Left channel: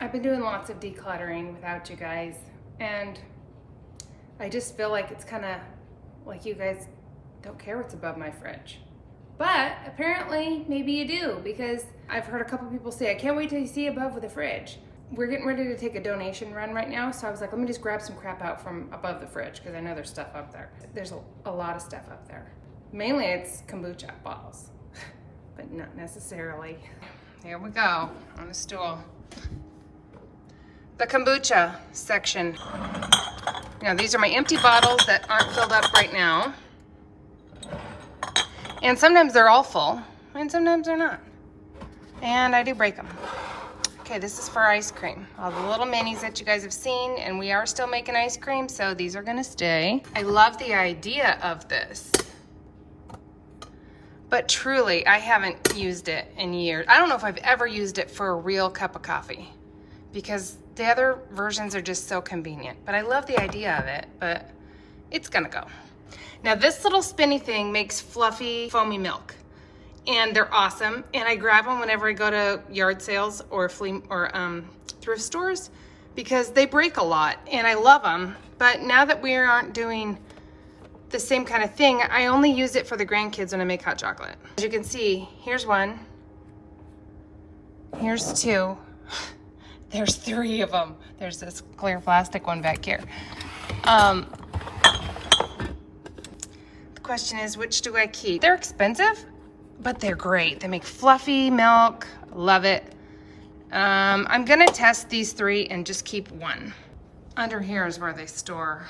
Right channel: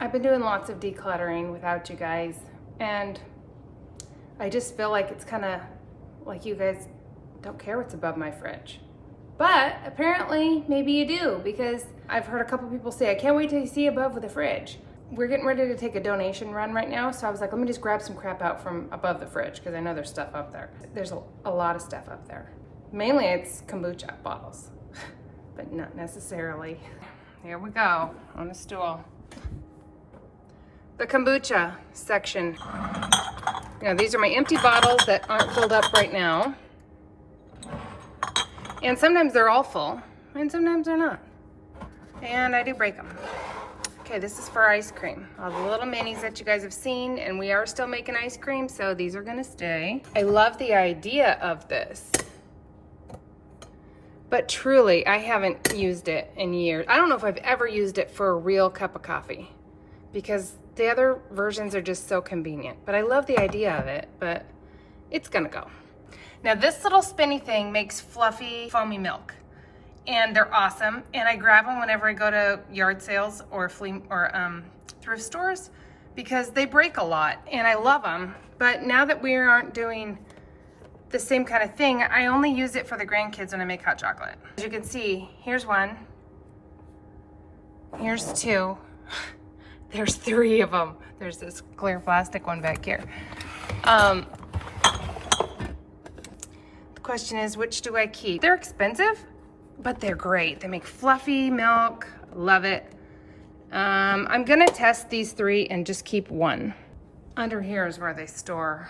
I've been doing lots of decluttering without you guys, and I just feel like it's kind of like you guys don't care what's above my fridge. But apparently, maybe you do, because I've heard a couple people say, I can't wait to see above the fridge. We're getting ready to take a donation run right now, so I was like, let me just grab some crap out from above the fridge, because I know there's stuff up there. There's a lot of stuff up there. Mainly it's kombucha bottles, but not necessarily. Here we go, on a stool. The kombucha section. Now these are my empty bottles that aren't filled up right now. And sometimes they're all full, and sometimes they're not. And I do break them. Okay, this is for ice cream. All the little minis that you guys have seen, and we are still making ice cream, so these are gonna stay. I love the idea of this, but truly, I haven't used it in years. I don't know if I've ever used it for a real cup of coffee, because the other versions are just so convenient. But I love the idea of it, but it's gonna go. Now this little spinny thing makes fluffy, foamy milk, and they're awesome. And I grab them whenever I go to yard sales or thrift stores, because they break a lot, and I love them. But now that we aren't doing the same kind of thing, I only use it for the grandkids when I make hot chocolate. As you can see, here's one, here's two, there's three of them. There's this clear plastic one back here. The question is, which do I keep? They're expensive, but they're great. They make fluffy milk, love it. I'm gonna test these three and just keep one. Under here is where they store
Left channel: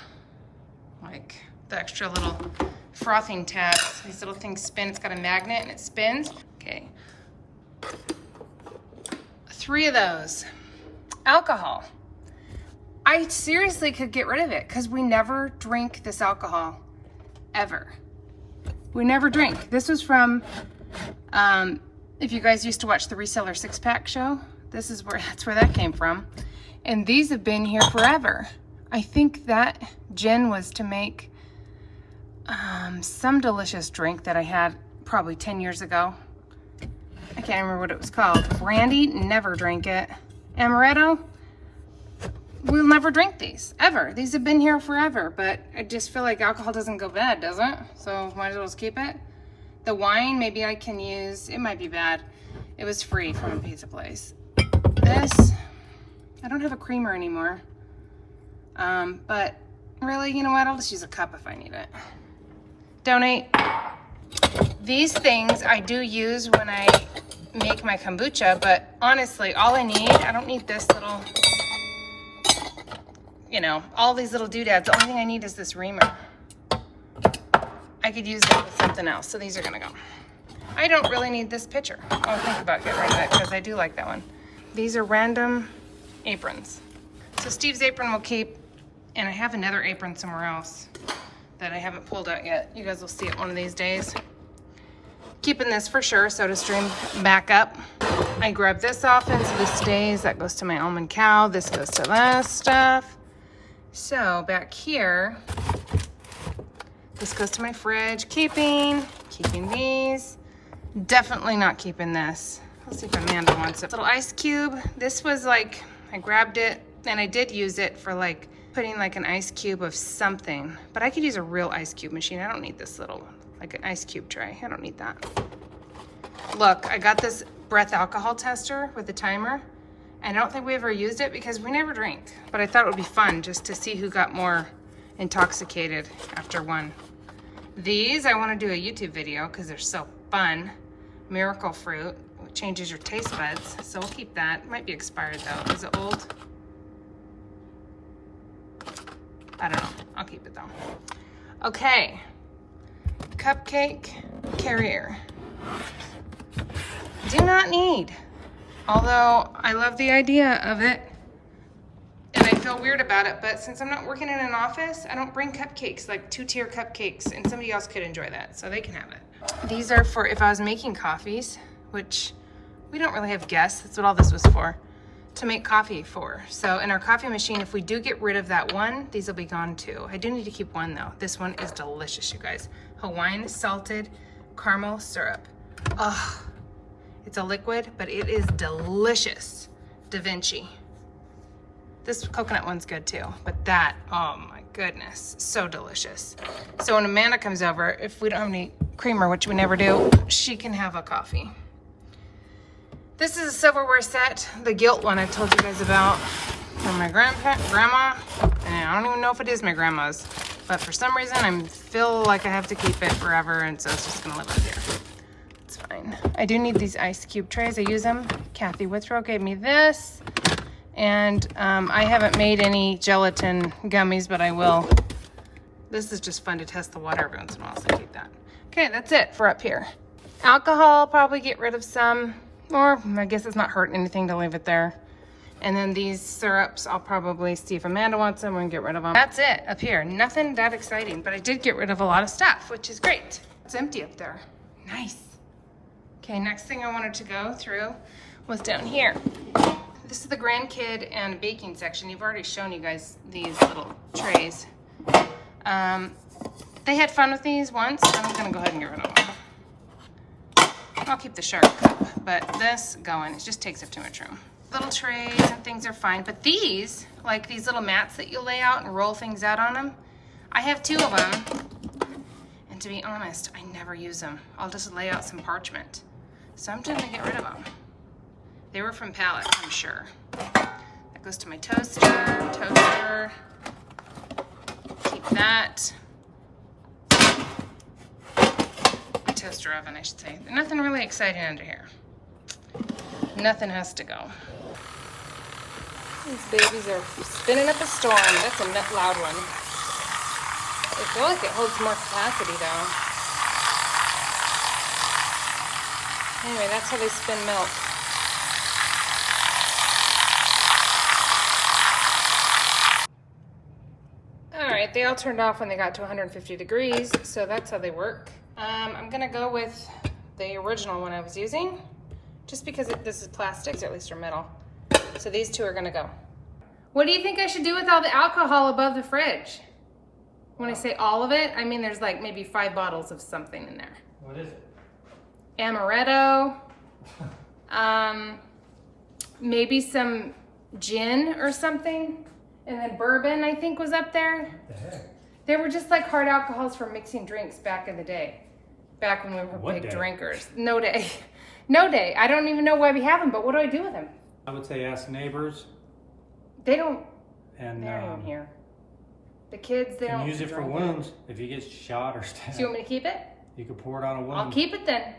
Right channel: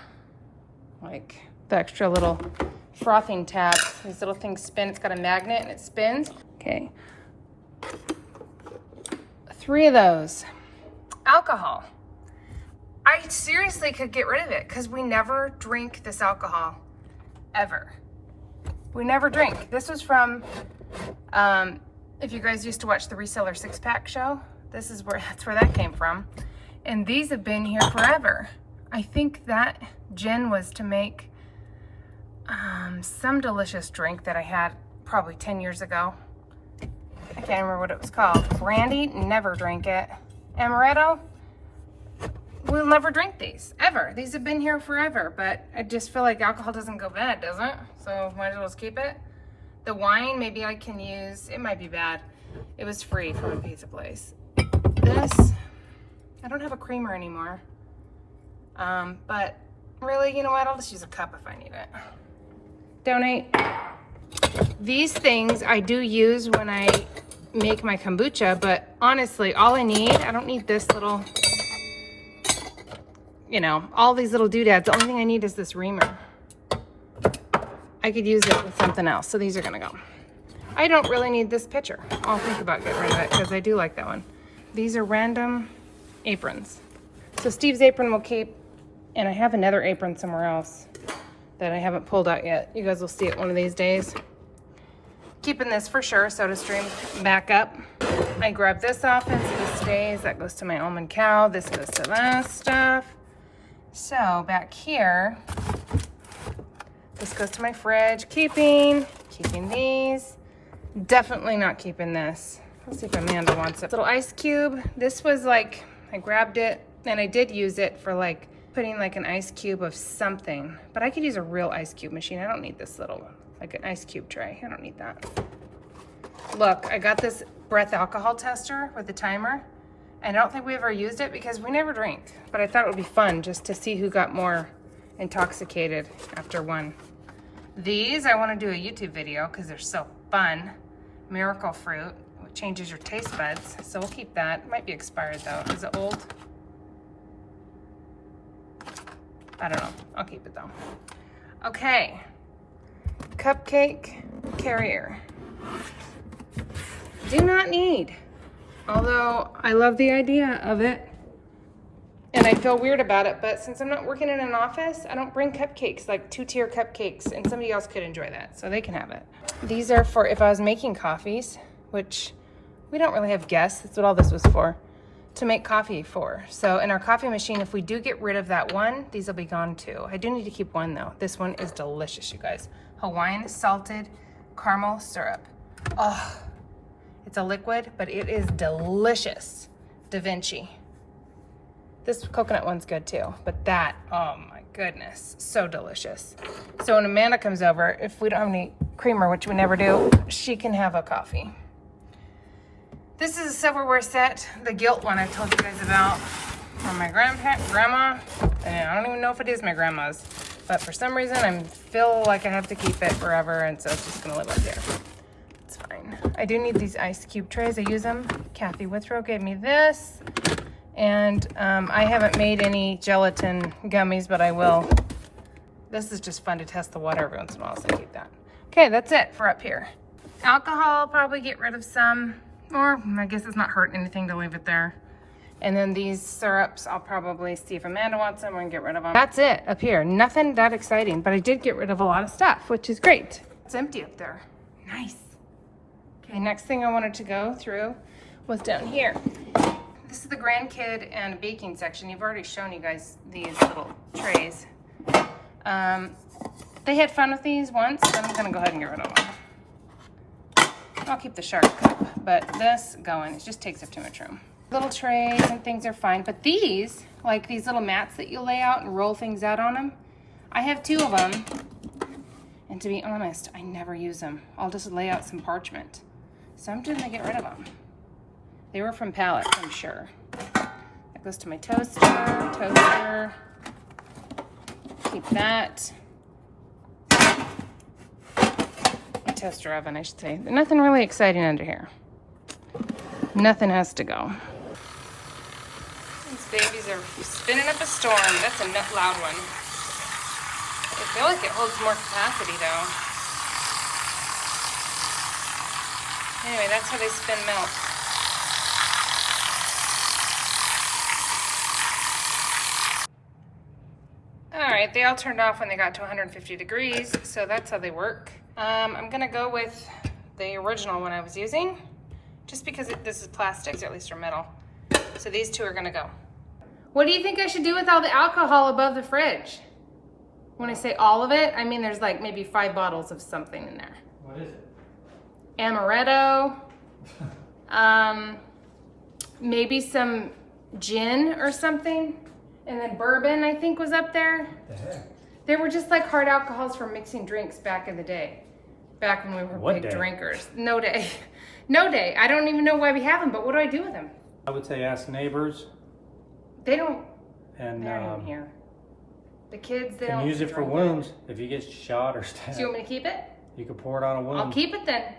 like the extra little frothing tabs. These little things spin. It's got a magnet and it spins. Okay. 3 of those. Alcohol. I seriously could get rid of it because we never drink this alcohol, ever. We never drink. This was from, if you guys used to watch the Reseller 6-Pack show, that's where that came from. And these have been here forever. I think that gin was to make some delicious drink that I had probably 10 years ago. I can't remember what it was called. Brandy, never drink it. Amaretto, we'll never drink these, ever. These have been here forever, but I just feel like alcohol doesn't go bad, does it? So might as well just keep it. The wine, maybe I can use, it might be bad. It was free from a pizza place. This, I don't have a creamer anymore. But really, you know what? I'll just use a cup if I need it. Donate. These things I do use when I make my kombucha, but honestly, all I need, I don't need this little, you know, all these little doodads. The only thing I need is this reamer. I could use it with something else, so these are gonna go. I don't really need this pitcher. I'll think about getting rid of it because I do like that one. These are random aprons. So Steve's apron will keep, and I have another apron somewhere else that I haven't pulled out yet. You guys will see it one of these days. Keeping this for sure, SodaStream back up. I grab this off and so this stays. That goes to my almond cow. This goes to that stuff. So back here, this goes to my fridge. Keeping these. Definitely not keeping this. Let's see if Amanda wants it. Little ice cube. This was like, I grabbed it and I did use it for like putting like an ice cube of something, but I could use a real ice cube machine. I don't need this little, like an ice cube tray. I don't need that. Look, I got this breath alcohol tester with the timer, and I don't think we ever used it because we never drink, but I thought it would be fun just to see who got more intoxicated after one. These, I want to do a YouTube video because they're so fun. Miracle fruit, it changes your taste buds, so we'll keep that. It might be expired though. Is it old? I don't know. I'll keep it though. Okay. Cupcake carrier. Do not need. Although I love the idea of it and I feel weird about it, but since I'm not working in an office, I don't bring cupcakes, like 2-tier cupcakes, and somebody else could enjoy that, so they can have it. These are for if I was making coffees, which we don't really have guests. That's what all this was for. To make coffee for. So in our coffee machine, if we do get rid of that one, these will be gone too. I do need to keep one though. This one is delicious, you guys. Hawaiian salted caramel syrup. Ugh. It's a liquid, but it is delicious. Da Vinci. This coconut one's good too, but that, oh my goodness, so delicious. So when Amanda comes over, if we don't have any creamer, which we never do, she can have a coffee. This is a silverware set, the gilt one I told you guys about, from my grandma, and I don't even know if it is my grandma's, but for some reason I feel like I have to keep it forever, and so it's just gonna live right there. It's fine. I do need these ice cube trays. I use them. Kathy Withrow gave me this. And I haven't made any gelatin gummies, but I will. This is just fun to test the water every once in a while, so I keep that. Okay, that's it for up here. Alcohol, I'll probably get rid of some, or I guess it's not hurting anything to leave it there. And then these syrups, I'll probably see if Amanda wants them and get rid of them. That's it up here. Nothing that exciting, but I did get rid of a lot of stuff, which is great. It's empty up there. Nice. Okay, next thing I wanted to go through was down here. This is the grandkid and baking section. You've already shown you guys these little trays. They had fun with these once. I'm gonna go ahead and get rid of them. I'll keep the shark cup, but this going, it just takes up too much room. Little trays and things are fine, but these, like these little mats that you lay out and roll things out on them, I have 2 of them, and to be honest, I never use them. I'll just lay out some parchment. So I'm just gonna get rid of them. They were from pallets, I'm sure. That goes to my toaster. Keep that. My toaster oven, I should say. Nothing really exciting under here. Nothing has to go. These babies are spinning up a storm. That's a loud one. I feel like it holds more capacity though. Anyway, that's how they spin milk. Alright, they all turned off when they got to 150 degrees, so that's how they work. I'm gonna go with the original one I was using, just because this is plastic, or at least they're metal. So these 2 are gonna go. What do you think I should do with all the alcohol above the fridge? When I say all of it, I mean there's like maybe 5 bottles of something in there. What is it? Amaretto, maybe some gin or something. And then bourbon, I think, was up there. What the heck? They were just like hard alcohols for mixing drinks back in the day. Back when we were What big day? drinkers. No day. No day. I don't even know why we have them, but what do I do with them? I would say ask neighbors. They don't, And they aren't even here. The kids, they don't use it for drink wounds. If you get shot or stabbed, Do you want me to keep it? you can pour it on a wound. I'll keep it then.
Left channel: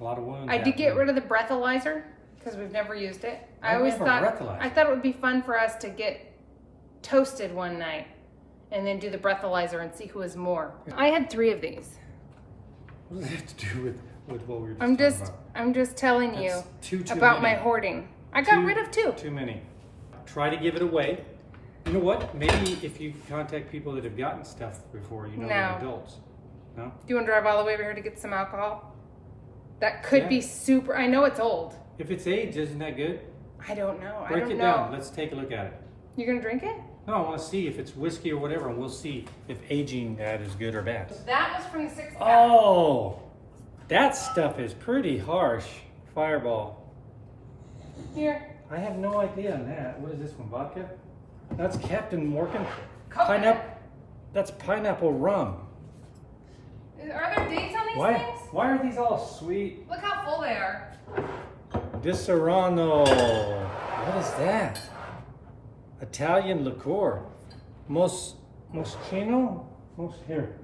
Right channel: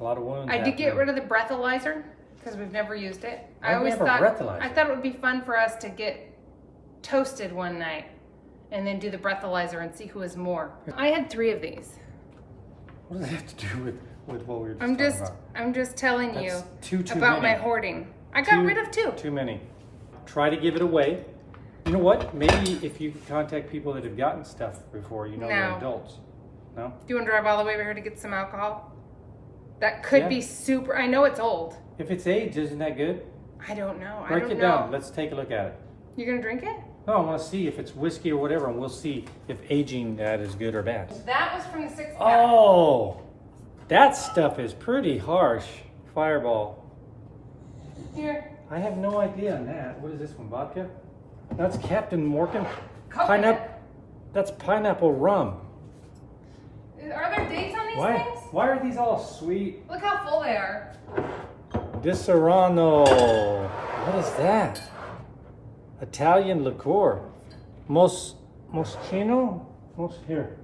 A lot of wounds. I did get rid of the breathalyzer because we've never used it. I I've always never thought breathalyzer. I thought it would be fun for us to get toasted one night and then do the breathalyzer and see who is more. I had 3 of these. What does that have to do with what we were just I'm talking just about? I'm just telling That's you too about my many. hoarding. I got rid of 2. Too many. Try to give it away. You know what? Maybe if you contact people that have gotten stuff before, you know, they're No. adults. No? Do you want to drive all the way over here to get some alcohol? That could Yeah. be super. I know it's old. If it's aged, isn't that good? I don't know. I Break don't it know. down. Let's take a look at it. You're gonna drink it? No, I want to see if it's whiskey or whatever, and we'll see if aging that is good or bad. That was from the 6-pack. Oh, that stuff is pretty harsh. Fireball. Here. I have no idea on that. What is this one? Vodka? That's Captain Morgan. Coconut. That's pineapple rum. Are there dates on these Why? things? Why are these all sweet? Look how full they are. Disaronno. What is that? Italian liqueur. Moschino? Here.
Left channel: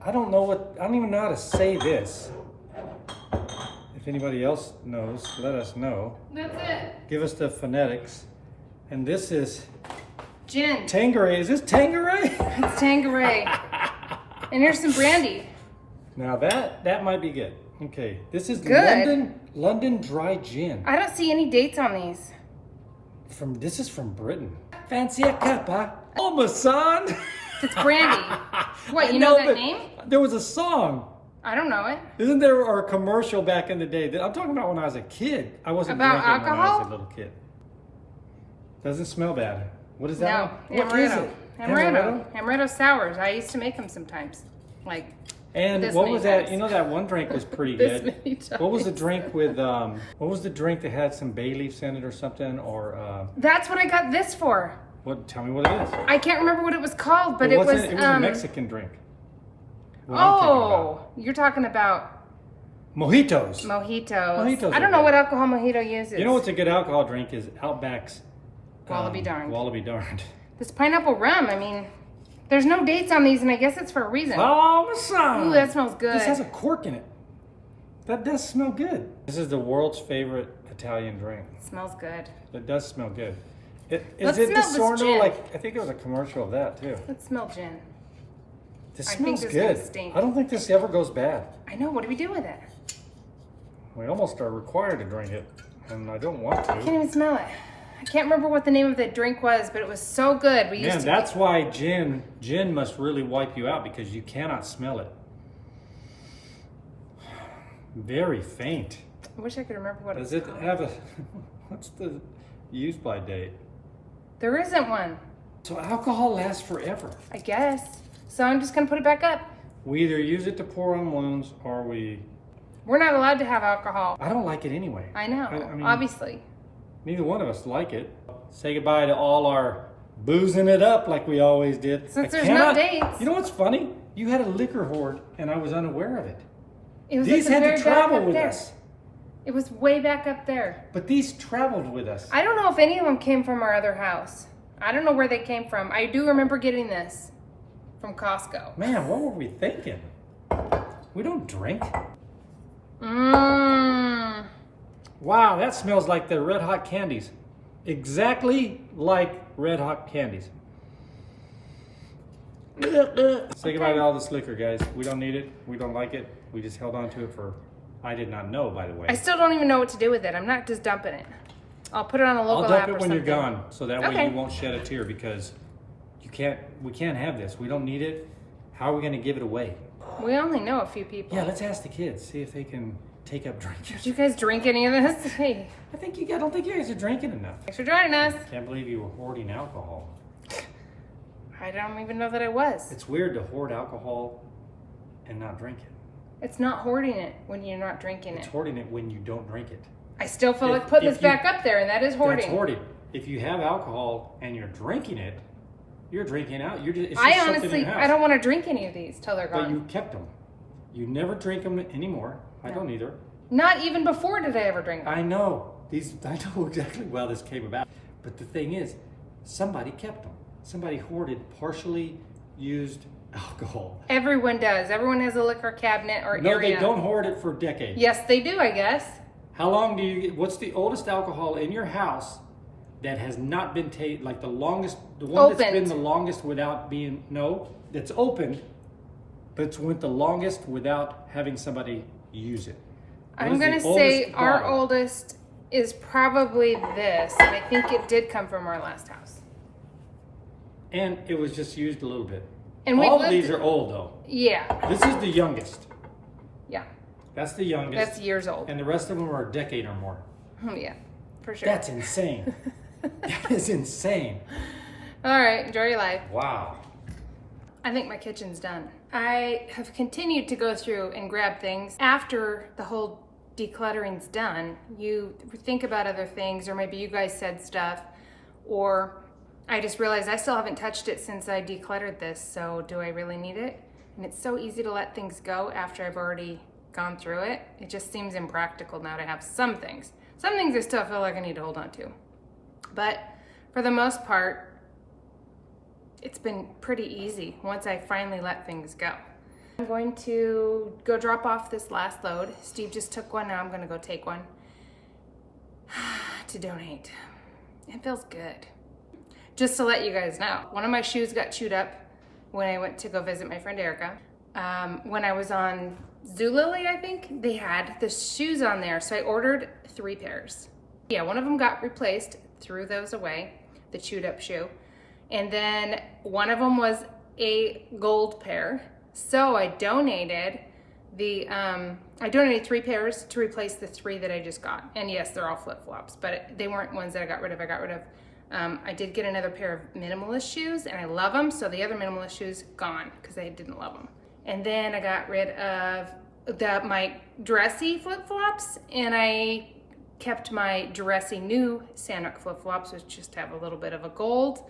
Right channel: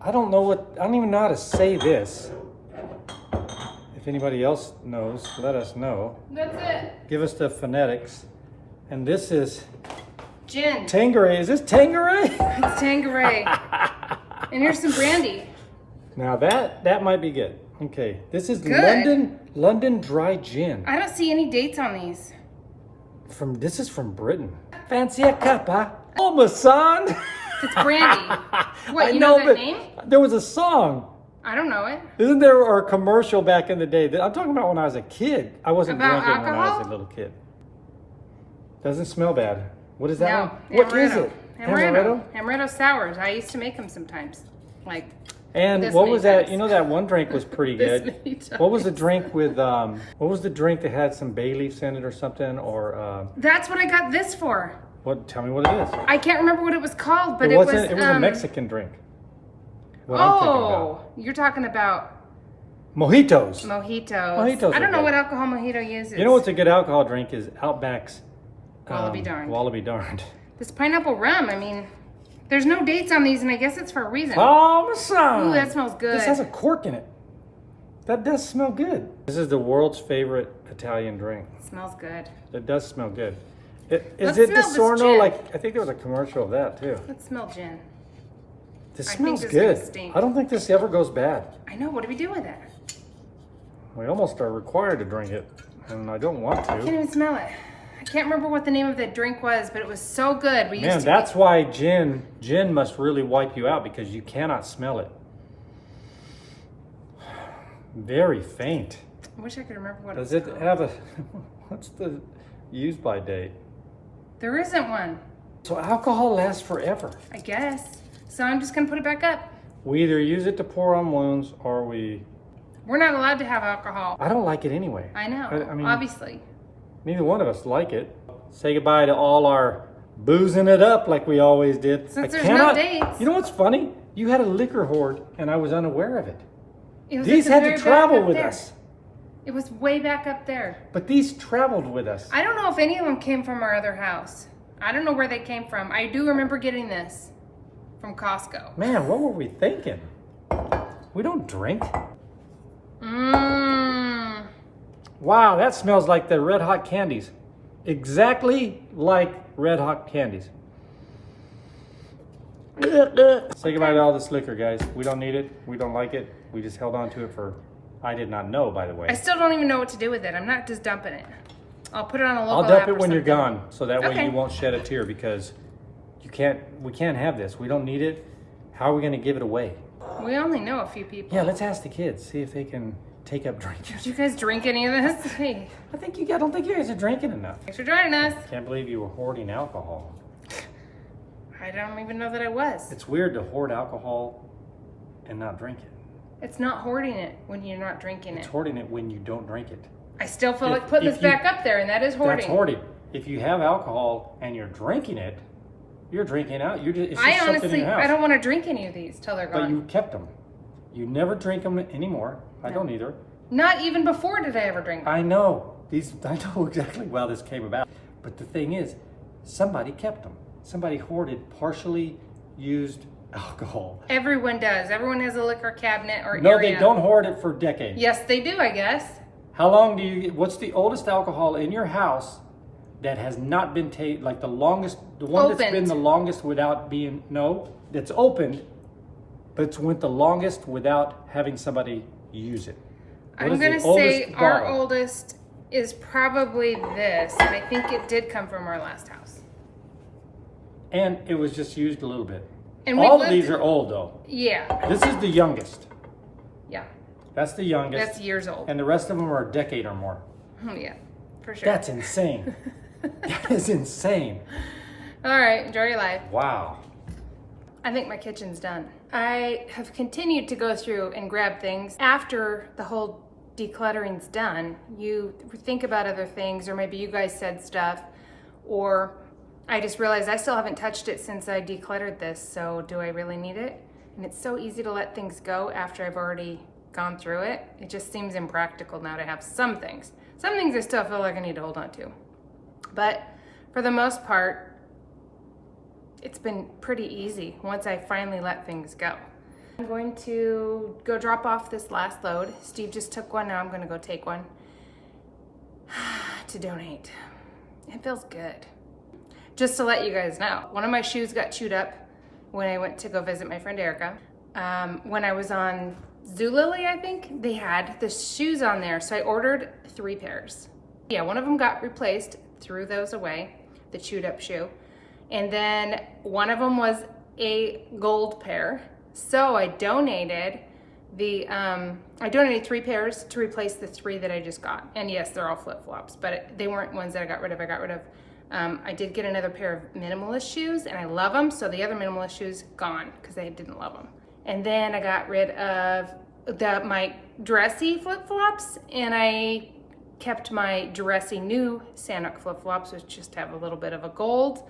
I don't know what. I don't even know how to say this. If anybody else knows, let us know. That's it. Give us the phonetics. And this is Gin. Tanqueray. Is this Tanqueray? It's Tanqueray. And here's some brandy. Now that might be good. Okay, this is Good. London dry gin. I don't see any dates on these. This is from Britain. Fancy a cuppa? Oh, my son. It's brandy. What, I you know that name? There was a song. I don't know it. Isn't there a commercial back in the day? I'm talking about when I was a kid. I wasn't About drinking when I was alcohol? a little kid. Doesn't smell bad. What is that? No, one? What is amaretto. it? Amaretto. Amaretto sours. I used to make them sometimes. Like And This what many was that? times. You know, that one drink was pretty This good. many What was the times. drink with, what was the drink that had some bay leaves in it or something? Or, That's what I got this for. what? Tell me what it is. I can't remember what it was called, but it was it was a Mexican drink. What I'm thinking Oh, about. you're talking about Mojitos. mojitos. Mojitos I don't are know good. what alcohol mojito uses. You know what's a good alcohol drink is Outback's. Wallaby darned. Wallaby darned. This pineapple rum, I mean, there's no dates on these, and I guess it's for a reason. Oh, my son. Ooh, that smells good. This has a cork in it. That does smell good. This is the world's favorite Italian drink. It smells good. It does smell good. Let's Is it smell this DiSorno? gin. Like, I think there was a commercial of that too. Let's smell gin. This I think smells this is gonna good. stink. I don't think this ever goes bad. I know, what do we do with it? We almost are required to drink it, and I don't want I can't to. even smell it. I can't remember what the name of the drink was, but it was so good. We used Man, to that's why gin must really wipe you out because you cannot smell it. Very faint. I wish I could remember what Does it it was. have a, what's the use by date? There isn't one, So alcohol lasts forever. I guess. So I'm just gonna put it back up. We either use it to pour on wounds or We're not allowed to have alcohol. I don't like it anyway. I know, I mean- obviously. Neither one of us like it. Say goodbye to all our boozing it up like we always did. Since I there's no cannot- dates. You know what's funny? You had a liquor hoard and I was unaware of it. It was These at the had very to back travel up with there. us. It was way back up there. But these traveled with us. I don't know if any of them came from our other house. I don't know where they came from. I do remember getting this from Costco. Man, what were we thinking? We don't drink. Mmm. Wow, that smells like the Red Hot candies. Exactly like Red Hot candies. Say goodbye to all this liquor, guys. We don't need it. We don't like it. We just held on to it for, I did not know, by the way. I still don't even know what to do with it. I'm not just dumping it. I'll put it on a local I'll dump app it or when you're something. gone, so that way Okay. you won't shed a tear because we can't have this. We don't need it. How are we gonna give it away? We only know a few people. Yeah, let's ask the kids, see if they can take up drinking. Did you guys drink any of this? Hey, I don't think you guys are drinking enough. thanks for joining us. Can't believe you were hoarding alcohol. I don't even know that I was. It's weird to hoard alcohol and not drink it. It's not hoarding it when you're not drinking It's it. hoarding it when you don't drink it. I still feel If- like putting if this you- back up there, and that is hoarding. That's hoarding. If you have alcohol and you're drinking it, you're drinking out. You're just, it's just I something in honestly, your house. I don't want to drink any of these till they're But gone. you kept them. You never drink them anymore. I don't either. Not even before did I ever drink them. I know. I know exactly how this came about. But the thing is, somebody kept them. Somebody hoarded partially used alcohol. Everyone does. Everyone has a liquor cabinet or No, area. they don't hoard it for decades. Yes, they do, I guess. How long what's the oldest alcohol in your house that has not been like the one that's been Opened. the longest without being, that's opened, but it's went the longest without having somebody use it? What I'm is the going to say oldest our bottle? oldest is probably this, and I think it did come from our last house. And it was just used a little bit. And we've All of lived- these are old though. Yeah, This is the youngest. yeah. That's the youngest. That's years old. And the rest of them are a decade or more. Yeah, for sure. That's insane. That is insane. All right, enjoy your life. Wow. I think my kitchen's done. I have continued to go through and grab things. After the whole decluttering's done, you think about other things, or maybe you guys said stuff, or I just realized I still haven't touched it since I decluttered this, so do I really need it? And it's so easy to let things go after I've already gone through it. It just seems impractical now to have some things. Some things I still feel like I need to hold on to. But for the most part, it's been pretty easy once I finally let things go. I'm going to go drop off this last load. Steve just took one, now I'm gonna go take one to donate. It feels good. Just to let you guys know, one of my shoes got chewed up when I went to go visit my friend Erica. When I was on Zulily, I think, they had the shoes on there, so I ordered 3 pairs. Yeah, one of them got replaced, threw those away, the chewed up shoe. And then one of them was a gold pair. So I donated I donated 3 pairs to replace the 3 that I just got. And yes, they're all flip-flops, but they weren't ones that I got rid of. I did get another pair of minimalist shoes and I love them. So the other minimalist shoes gone because I didn't love them. And then I got rid of my dressy flip-flops, and I kept my dressy new Sanok flip-flops, which just have a little bit of a gold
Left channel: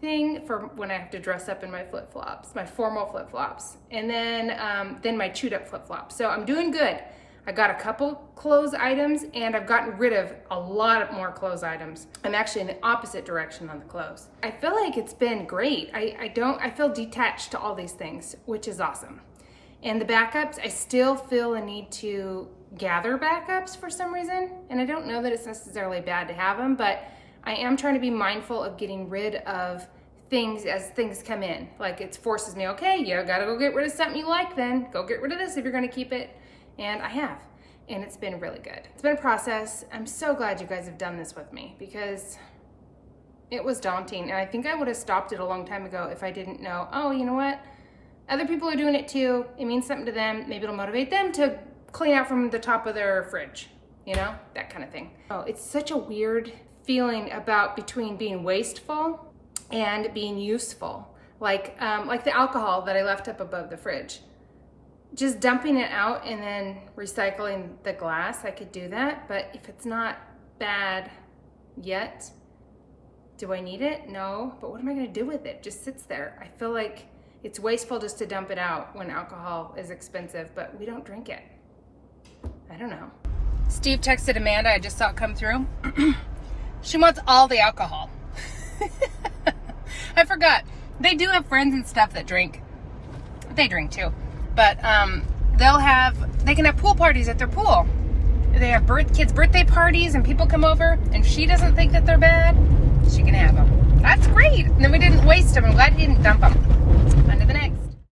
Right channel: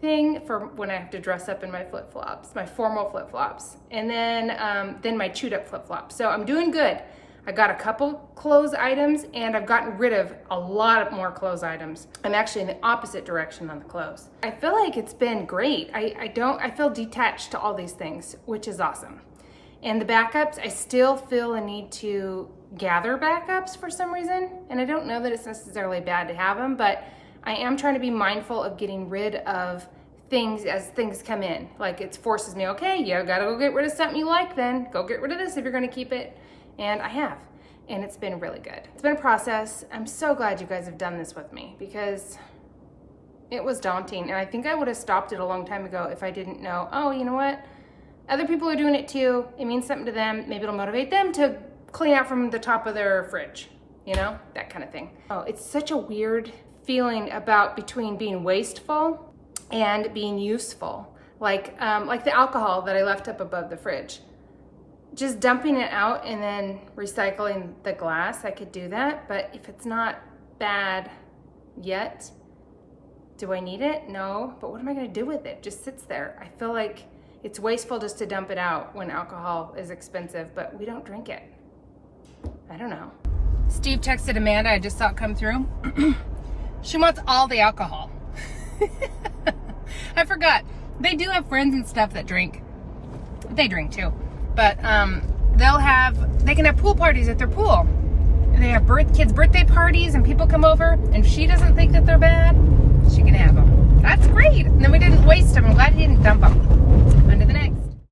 thing for when I have to dress up in my flip-flops, my formal flip-flops. And then my chewed up flip-flops. So I'm doing good. I got a couple clothes items, and I've gotten rid of a lot more clothes items. I'm actually in the opposite direction on the clothes. I feel like it's been great. I feel detached to all these things, which is awesome. And the backups, I still feel a need to gather backups for some reason. And I don't know that it's necessarily bad to have them, but I am trying to be mindful of getting rid of things as things come in. Like it forces me, okay, you gotta go get rid of something you like then. Go get rid of this if you're gonna keep it. And I have, and it's been really good. It's been a process. I'm so glad you guys have done this with me because it was daunting. And I think I would have stopped it a long time ago if I didn't know, oh, you know what? Other people are doing it too. It means something to them. Maybe it'll motivate them to clean out from the top of their fridge, you know, that kind of thing. Oh, it's such a weird feeling between being wasteful and being useful. Like the alcohol that I left up above the fridge. Just dumping it out and then recycling the glass, I could do that. But if it's not bad yet, do I need it? No. But what am I going to do with it? It just sits there. I feel like it's wasteful just to dump it out when alcohol is expensive, but we don't drink it. I don't know. Steve texted Amanda. I just saw it come through. She wants all the alcohol. I forgot. They do have friends and stuff that drink. They drink too. But they can have pool parties at their pool. They have kids' birthday parties and people come over, and if she doesn't think that they're bad, she can have them. That's great. And then we didn't waste them. I'm glad he didn't dump them.